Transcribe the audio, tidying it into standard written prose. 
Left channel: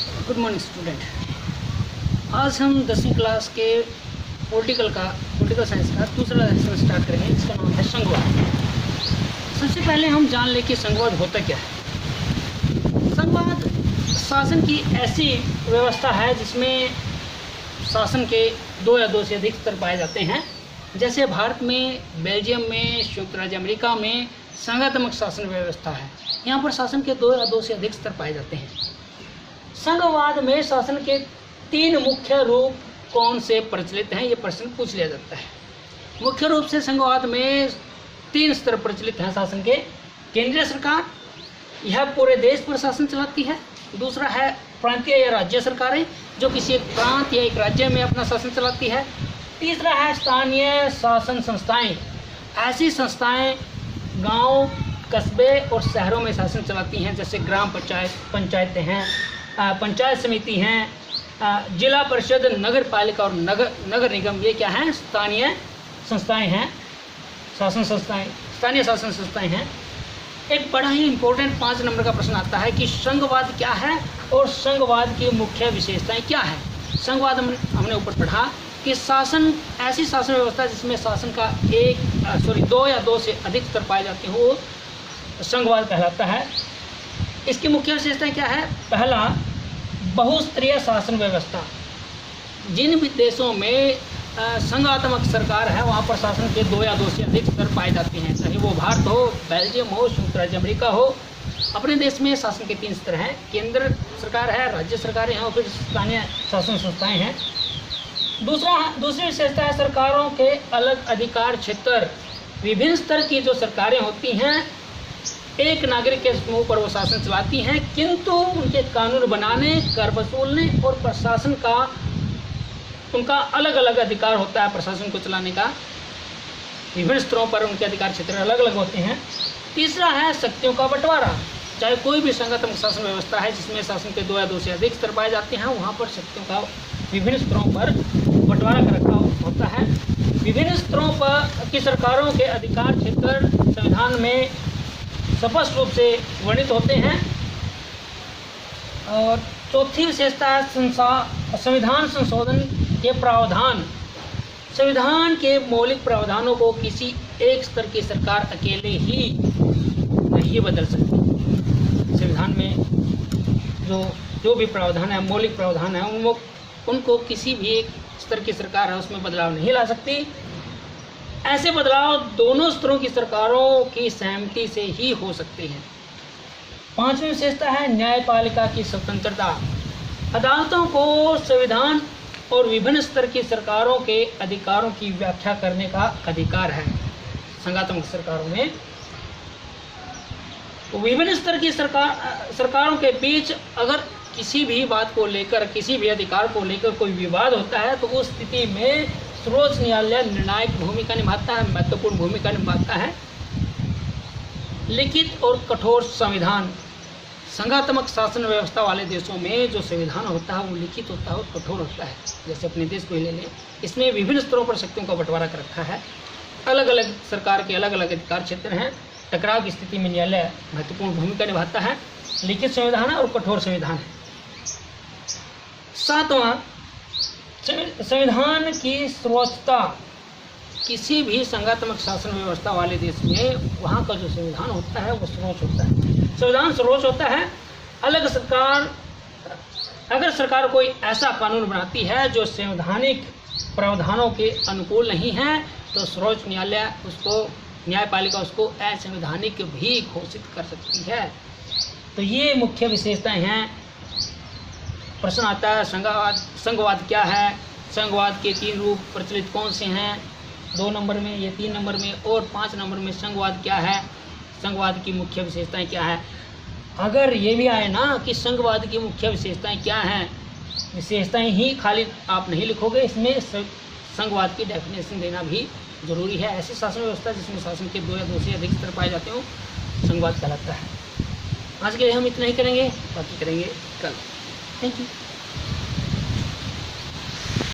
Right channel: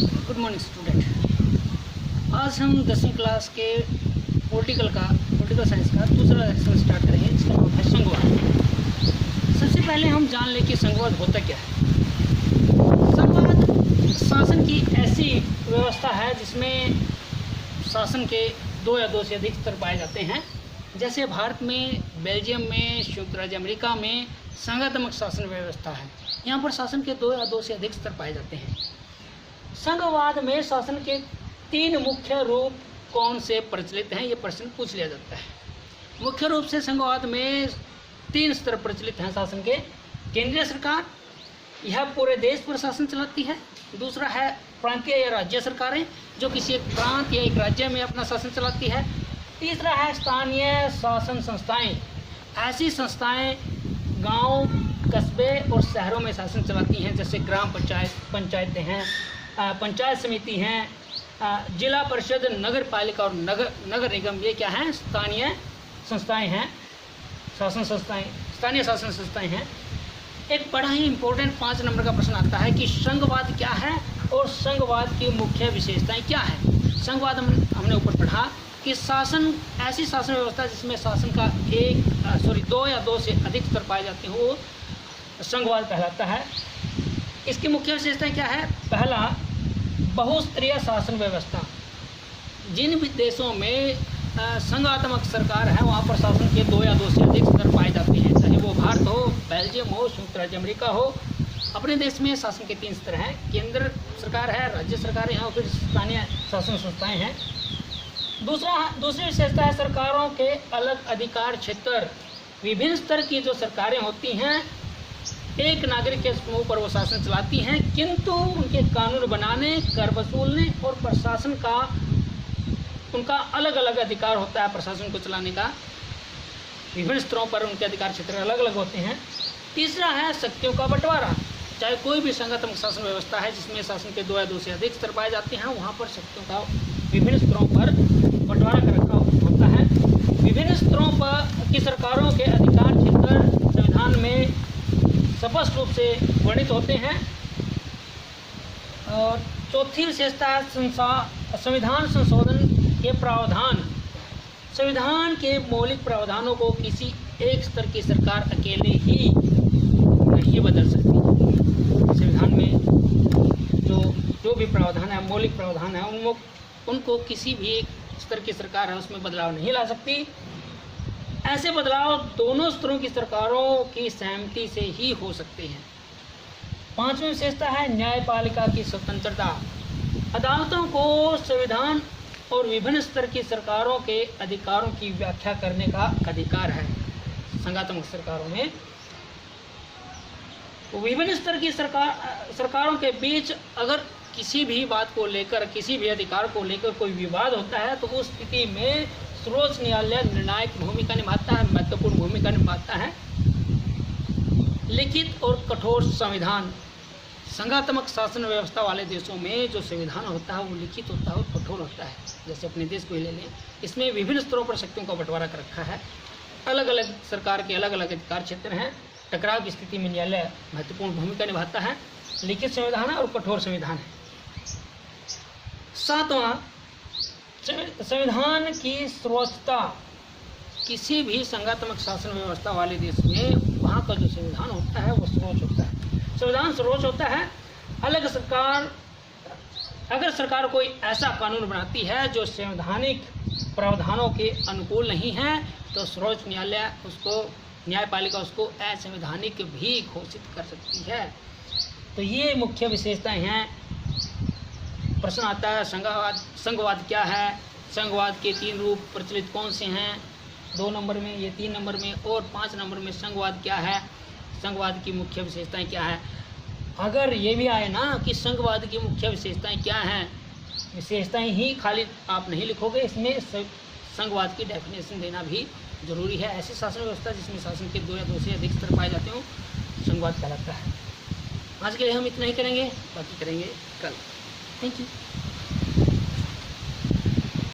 Good morning student. आज हम 10वीं क्लास के पॉलिटिकल साइंस का दूसरा लेसन स्टार्ट करेंगे, जिसका नाम है संघवाद। सबसे पहले हम जान लें कि संघवाद होता क्या है। संघवाद शासन की ऐसी व्यवस्था है जिसमें शासन के दो या दो से अधिक स्तर पाए जाते हैं। जैसे भारत में, बेल्जियम में, संयुक्त राज्य अमेरिका में संघात्मक शासन व्यवस्था है। यहाँ पर शासन के दो या दो से अधिक स्तर पाए जाते हैं। संघवाद में शासन के तीन मुख्य रूप कौन से प्रचलित हैं, ये प्रश्न पूछ लिया जाता है। मुख्य रूप से संघवाद में तीन स्तर प्रचलित हैं शासन के। केंद्रीय सरकार, यह पूरे देश पर शासन चलाती है। दूसरा है प्रांतीय या राज्य सरकारें, जो किसी एक प्रांत या एक राज्य में अपना शासन चलाती है। तीसरा है स्थानीय शासन संस्थाएं, ऐसी संस्थाएं गांव, कस्बे और शहरों में शासन चलाती हैं, जैसे ग्राम पंचायतें हैं, पंचायत समिति हैं, जिला परिषद, नगर पालिका और नगर निगम। ये क्या हैं? स्थानीय संस्थाएं हैं, शासन संस्थाएं, स्थानीय शासन संस्थाएं हैं। एक बड़ा ही इम्पोर्टेंट 5 नंबर का प्रश्न आता है कि संघवाद क्या है और संघवाद की मुख्य विशेषताएं क्या है। संघवाद हमने ऊपर पढ़ा कि शासन, ऐसी शासन व्यवस्था जिसमें शासन का दो या दो से अधिक स्तर पाए जाते हैं, वो संघवाद कहलाता है। इसकी मुख्य विशेषताएं क्या है? पहला, बहुस्तरीय शासन व्यवस्था। जिन भी देशों में संघात्मक सरकार है, वहाँ पर शासन के दो या दो से अधिक स्तर पाए जाते हैं, चाहे वो भारत हो, बेल्जियम हो, संयुक्त राज्य अमेरिका हो। अपने देश में शासन के 3 स्तर हैं, केंद्र सरकार है, राज्य सरकारें हैं और फिर स्थानीय शासन संस्थाएं हैं। दूसरी विशेषता है सरकारों के अलग अधिकार क्षेत्र। विभिन्न स्तर की जो सरकारें होती हैं, एक नागरिक के समूह पर वो शासन चलाती हैं, किंतु उनके कानून बनाने, कर वसूलने और प्रशासन का उनका अलग अलग अधिकार होता है। प्रशासन को चलाने का विभिन्न स्तरों पर उनके अधिकार क्षेत्र अलग अलग होते हैं। तीसरा है शक्तियों का बंटवारा। चाहे कोई भी संघात्मक शासन व्यवस्था है जिसमें शासन के दो या दो से अधिक स्तर पाए जाते हैं, वहाँ पर शक्तियों का विभिन्न स्तरों पर बंटवारा कर रखा होता है। विभिन्न स्तरों पर की सरकारों के अधिकार क्षेत्र संविधान में स्पष्ट रूप से वर्णित होते हैं। और चौथी विशेषता है संविधान संशोधन के प्रावधान। संविधान के मौलिक प्रावधानों को किसी एक स्तर की सरकार अकेले ही नहीं बदल सकती। संविधान में जो भी प्रावधान है, मौलिक प्रावधान है, उनको किसी भी एक स्तर की सरकार है उसमें बदलाव नहीं ला सकती। ऐसे बदलाव दोनों स्तरों की सरकारों की सहमति से ही हो सकते हैं। 5वीं विशेषता है न्यायपालिका की स्वतंत्रता। अदालतों को संविधान और विभिन्न स्तर की सरकारों के अधिकारों की व्याख्या करने का अधिकार है। संघात्मक सरकारों में विभिन्न स्तर की सरकारों के बीच अगर किसी भी बात को लेकर, किसी भी अधिकार को लेकर कोई विवाद होता है, तो उस स्थिति में सर्वोच्च न्यायालय निर्णायक भूमिका निभाता है, महत्वपूर्ण भूमिका निभाता है। लिखित और कठोर संविधान। संघात्मक शासन व्यवस्था वाले देशों में जो संविधान होता है वो लिखित होता है और कठोर होता है। जैसे अपने देश को ही ले लें, इसमें विभिन्न स्तरों पर शक्तियों का बंटवारा कर रखा है। अलग अलग सरकार के अलग अलग अधिकार क्षेत्र हैं। टकराव की स्थिति में न्यायालय महत्वपूर्ण भूमिका निभाता है। लिखित संविधान है और कठोर संविधान है। 7वां, संविधान की सर्वोच्चता। किसी भी संघात्मक शासन व्यवस्था वाले देश में वहाँ का जो संविधान होता है वो सर्वोच्च होता है। संविधान सर्वोच्च होता है। अगर सरकार कोई ऐसा कानून बनाती है जो संवैधानिक प्रावधानों के अनुकूल नहीं है, तो सर्वोच्च न्यायालय न्यायपालिका उसको असंवैधानिक भी घोषित कर सकती है। तो ये मुख्य विशेषताएं हैं। प्रश्न आता है संघवाद क्या है, संघवाद के 3 रूप प्रचलित कौन से हैं, 2 नंबर में, ये 3 नंबर में, और 5 नंबर में संघवाद क्या है, संघवाद की मुख्य विशेषताएं क्या है। अगर ये भी आए ना कि संघवाद की मुख्य विशेषताएं क्या हैं, विशेषताएं ही खाली आप नहीं लिखोगे, इसमें संघवाद की डेफिनेशन देना भी जरूरी है। ऐसी शासन व्यवस्था जिसमें शासन के दो या दो से अधिक स्तर पाए जाते हो, संघवाद कहलाता है। आज के लिए हम इतना ही करेंगे, बाकी करेंगे कल। Thank you.